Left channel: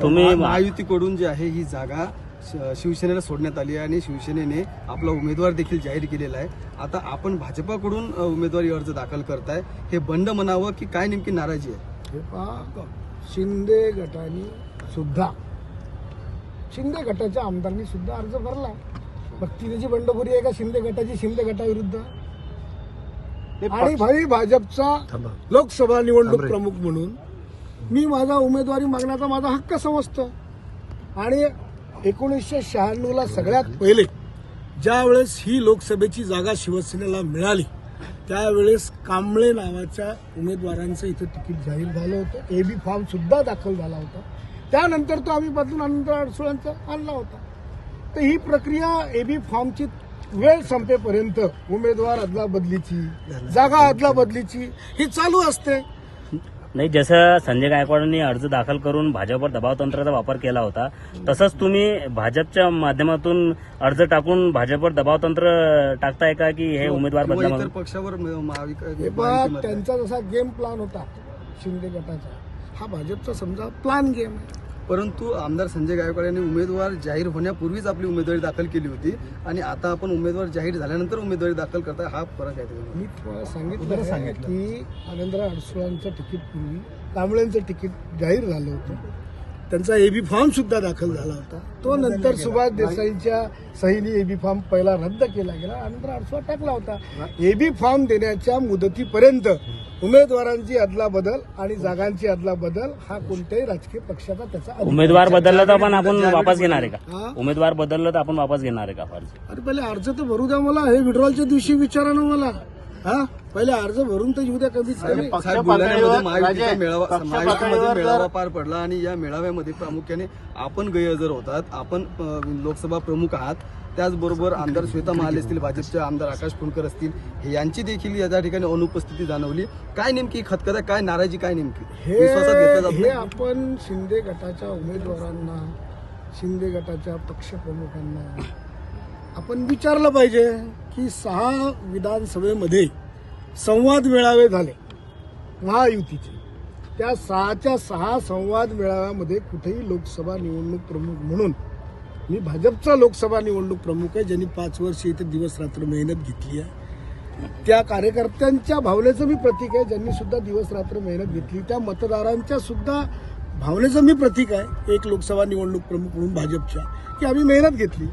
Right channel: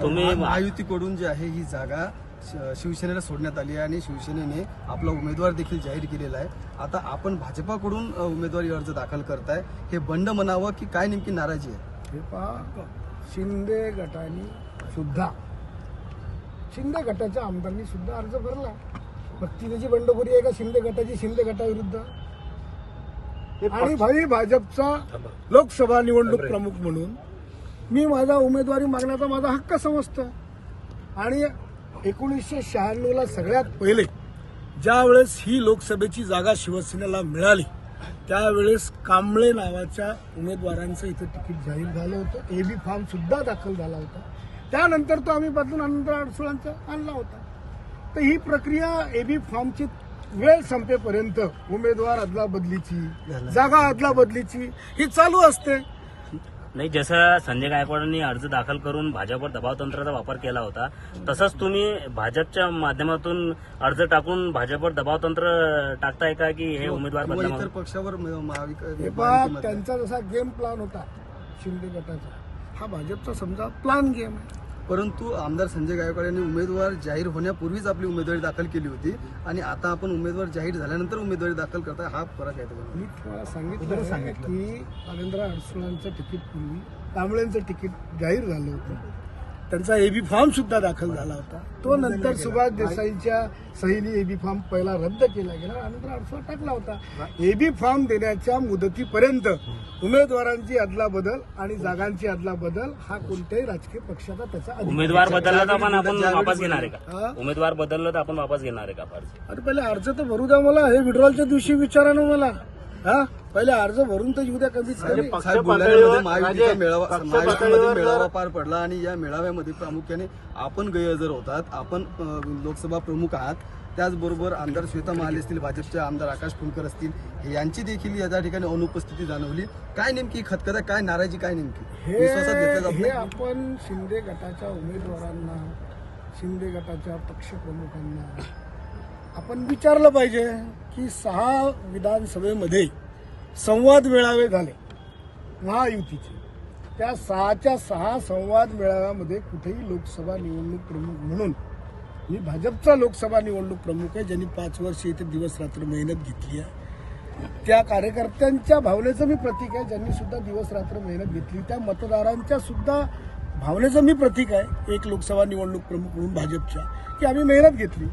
तुम्ही महायुतीकडून जी आहे ही जागा शिवसेनेला सोडण्यात आली आहे आणि शिवसेनेने आपला उमेदवार देखील जाहीर केलेला आहे. आता आपण भाजपाकडून उमेदवारी अर्ज दाखल करताय. हे बंड म्हणावं की काय नेमकी नाराजी आहे? हे पहा शिंदे गटाने सुद्धा शिंदे गटाच्या आमदारांनी सुद्धा अर्ज भरला. भक्तीची बंडखोरी आहे का? शिंदे गटाची शिंदे गटाविरुद्ध? आणि भाई भाजपचा लोकसभा निवडणूक प्रमुख म्हणून मी माझा उमेदवारी मागण्याचा माझा हक्क समजतो आणि एकोणीसशे शहाण्णवला सगळ्यात पहिले ज्यावेळेस ही लोकसभेची जागा शिवसेनेला मिळाली त्यावेळेस कांबळे नावाच्या उमेदवारांचं इथं तिकीट जाहीर झालं होतं. ए बी फॉर्मसुद्धा दाखल झाला होता. त्यानंतर तो आम्ही बदलून अनंतर अडसुळांचा आणला होता. तर ही प्रक्रिया ए बी फॉर्मची वेळ संपेपर्यंत उमेदवार अदलाबदलीची जागा अदलाबदलीची ही चालू असते. नाही जसं संजय गायकवाडांनी अर्ज दाखल करून भाजपवर दबाव तंत्राचा वापर केला होता तसंच तुम्ही भाजपच्या माध्यमातून अर्ज टाकून भाजपवर दबाव तंत्र टाकताय का की हे उमेदवार पक्षावर हे पहा महायुतीमध्ये. त्यांचा जसा गेम प्लान होता शिंदे गटाचा हा भाजपचा समजा प्लान गेम आहे परंतु आमदार संजय गायकवाड यांनी उमेदवार जाहीर होण्यापूर्वीच आपली उमेदवारी दाखल केली होती. आणि आता आपण उमेदवार जाहीर झाल्यानंतर उमेदवारी दाखल करताय हा फरक आहे. मी तुम्हाला सांगितलं आहे की आनंदराव अडसुळांचं तिकीट पूर्वी कांबळेंचं तिकीट जाहीर झालं होतं. त्यांचा एबी फॉर्म सुद्धा दाखल झाला होता. तो नंतर सुभाष देसाईच्या सहीने एबी फॉर्म पहिला रद्द केला गेला. आनंदराव अडसुळा टाकला होता. एबी फॉर्म देण्याच्या मुदतीपर्यंत उमेदवारांची अदला बदल आणि जागांची अदला बदल हा कोणत्याही राजकीय पक्षाचा त्याचा उमेदवार बदलला तर पण आपण ज्यावेळी वापस घेणार आहे? का? उमेदवार बदललं तर आपण वापस घेणार आहे का? आपण अरे पहिले अर्ज तर भरू द्या मला. हे विड्रॉलच्या दिवशी विचारा ना मला. हा? पहिले अर्ज भरून तर येऊ द्या कमीत कमी. साहेब बुलढाण्यामध्ये महायुतीचा मेळावा महायुतीमध्ये मेळावा पार पडला आणि या मेळाव्यामध्ये प्रामुख्याने आपण गैरहजर होतात. आपण लोकसभा प्रमुख आहात. त्याचबरोबर आमदार श्वेता महाले असतील भाजपचे आमदार आकाश फुलकर असतील हे यांची देखील या त्या ठिकाणी अनुपस्थिती जाणवली. काय नेमकी खतखत काय नाराजी काय नेमकी? हे विश्वासात घेतलं जात हे नाही? आपण शिंदे गटाच्या उमेदवारांना शिंदे गटाच्या पक्षप्रमुखांना आपण विचारलं पाहिजे. की सहा विधानसभेमध्ये संवाद मेळावे झाले महायुतीचे. त्या सहाच्या सहा संवाद मेळाव्यामध्ये कुठेही लोकसभा निवडणूक प्रमुख म्हणून मी भाजपचा लोकसभा निवडणूक प्रमुख आहे ज्यांनी पाच वर्ष इथे दिवस रात्र मेहनत घेतली आहे. त्या कार्यकर्त्यांच्या भावनेचं मी प्रतीक आहे ज्यांनी सुद्धा दिवस रात्र मेहनत घेतली. त्या मतदारांच्या सुद्धा भावनेचं मी प्रतीक आहे एक लोकसभा निवडणूक प्रमुख म्हणून भाजपच्या की आम्ही मेहनत घेतली.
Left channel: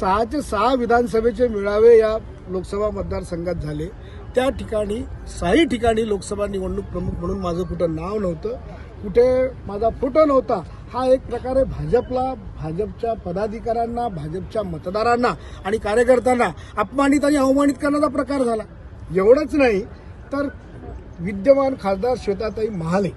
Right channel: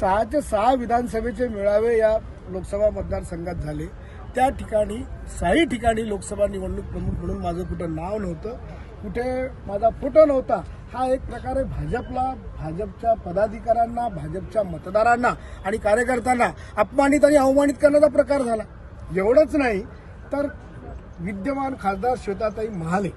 सहा ते सहा विधानसभेचे मेळावे या लोकसभा मतदारसंघात झाले. त्या ठिकाणी सहाही ठिकाणी लोकसभा निवडणूक प्रमुख म्हणून माझं कुठं नाव नव्हतं कुठे माझा फोटो नव्हता. हा एक प्रकारे भाजपला भाजपच्या पदाधिकाऱ्यांना भाजपच्या मतदारांना आणि कार्यकर्त्यांना अपमानित आणि अवमानित करण्याचा प्रकार झाला. एवढंच नाही तर विद्यमान खासदार श्वेताताई महाले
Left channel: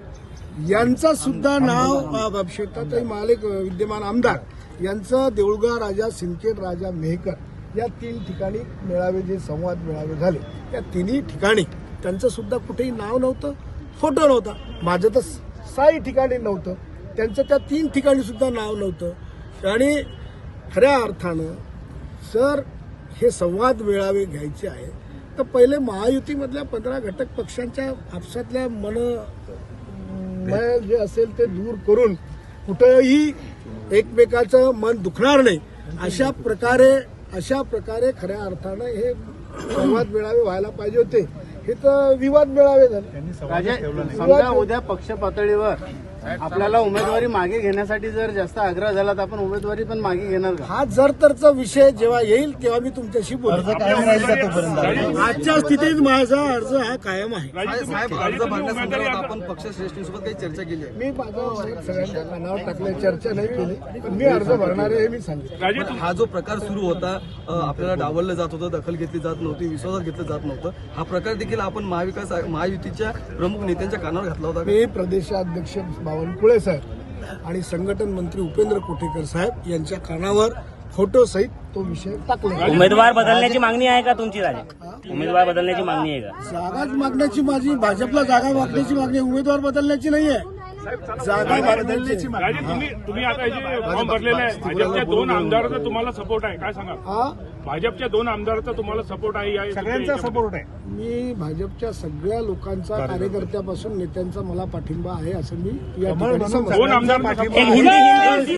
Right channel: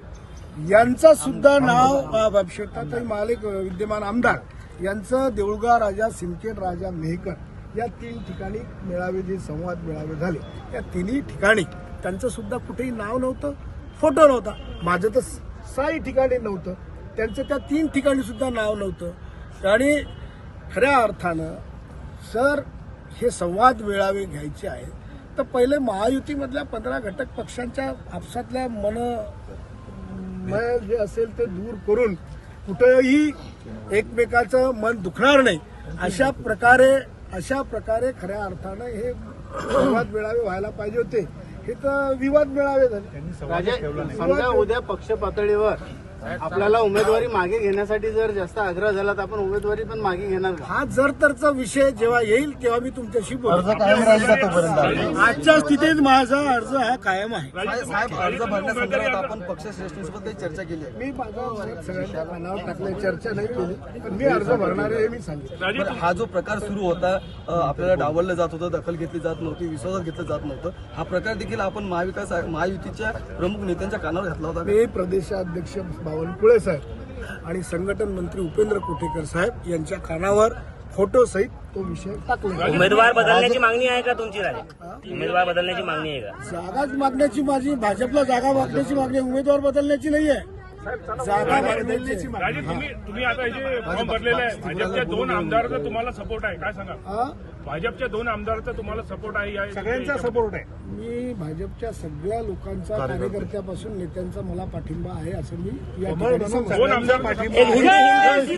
यांचं सुद्धा नाव श्वेताताई महाले विद्यमान आमदार यांचं देऊळगा राजा सिंदखेड राजा मेहकर या तीन ठिकाणी मेळावे जे संवाद मेळावे झाले. या तिन्ही ठिकाणी त्यांचं सुद्धा कुठेही नाव नव्हतं फोटो नव्हता. माझं तर साई ठिकाणी नव्हतं. त्यांचं त्या तीन ठिकाणी सुद्धा नाव नव्हतं. आणि खऱ्या अर्थानं जर हे संवाद मेळावे घ्यायचे आहे तर पहिले महायुतीमधल्या पंधरा घटक पक्षांच्या आपसातल्या मन मन जे असेल ते दूर करून कुठंही एकमेकाचं मन दुखणार नाही. अशा प्रकारे अशा प्रकारे खऱ्या अर्थानं हे संवाद मेळावे व्हायला पाहिजे होते. हे तर विवाद मेळावे झाले. विवाद समजा उद्या पक्ष पातळीवर आपल्याला उमेदवारी मागे घेण्यासाठी जर जास्त आग्रह झाला तर आपण उमेदवारी पण मागे घेणार का? हा जर तरचा विषय जेव्हा येईल तेव्हा मी तुमच्याशी बोलतो आजच्या स्थितीत माझा अर्ज हा कायम आहे. साहेब अर्ज भरण्यासंदर्भात आपण पक्ष श्रेष्ठींसोबत काही चर्चा केली आहे. मी माझा सगळ्यांच्या कानावर टाकल्या चर्चा नाही केली पण मी अर्ज भरणार आहे हे मी सांगितलं पण हा जो प्रकार सुरू होता अ, आपल्याला डावललं जात होतं दखल घेतली जात नव्हती विश्वासात घेतलं जात नव्हतं हा प्रकार देखील आपण महाविकास महायुतीच्या प्रमुख नेत्यांच्या कानावर घातला होता मी प्रदेशाध्यक्ष बावनकुळे साहेब आणि संघटन मंत्री उपेंद्र कोटेकर साहेब यांच्या कानावर फोटो सहित तो विषय टाकला. उमेदवार बदलण्याची मागणी आहे का तुमची उमेदवार बदलण्याची मागणी आहे का? जागाच मागण्याची माझी भाजपला जागा मागण्याची मागणी उमेदवार बदलण्याची नाही आहे जागा बदलण्याची राजे, तुम्ही तुम्ही आता हे जे फॉर्म भरलेला आहे भाजपच्या दोन आमदारांचा तुम्हाला सपोर्ट आहे काय सांगा हा? भाजपच्या दोन आमदारांचा तुम्हाला सपोर्ट आहे सगळ्यांचा सपोर्ट आहे. मी भाजपच्या सगळ्या लोकांचा कार्यकर्त्यापासून नेत्यांचा मला पाठिंबा आहे असं मी या ठिकाणी पाठिंबा आहे.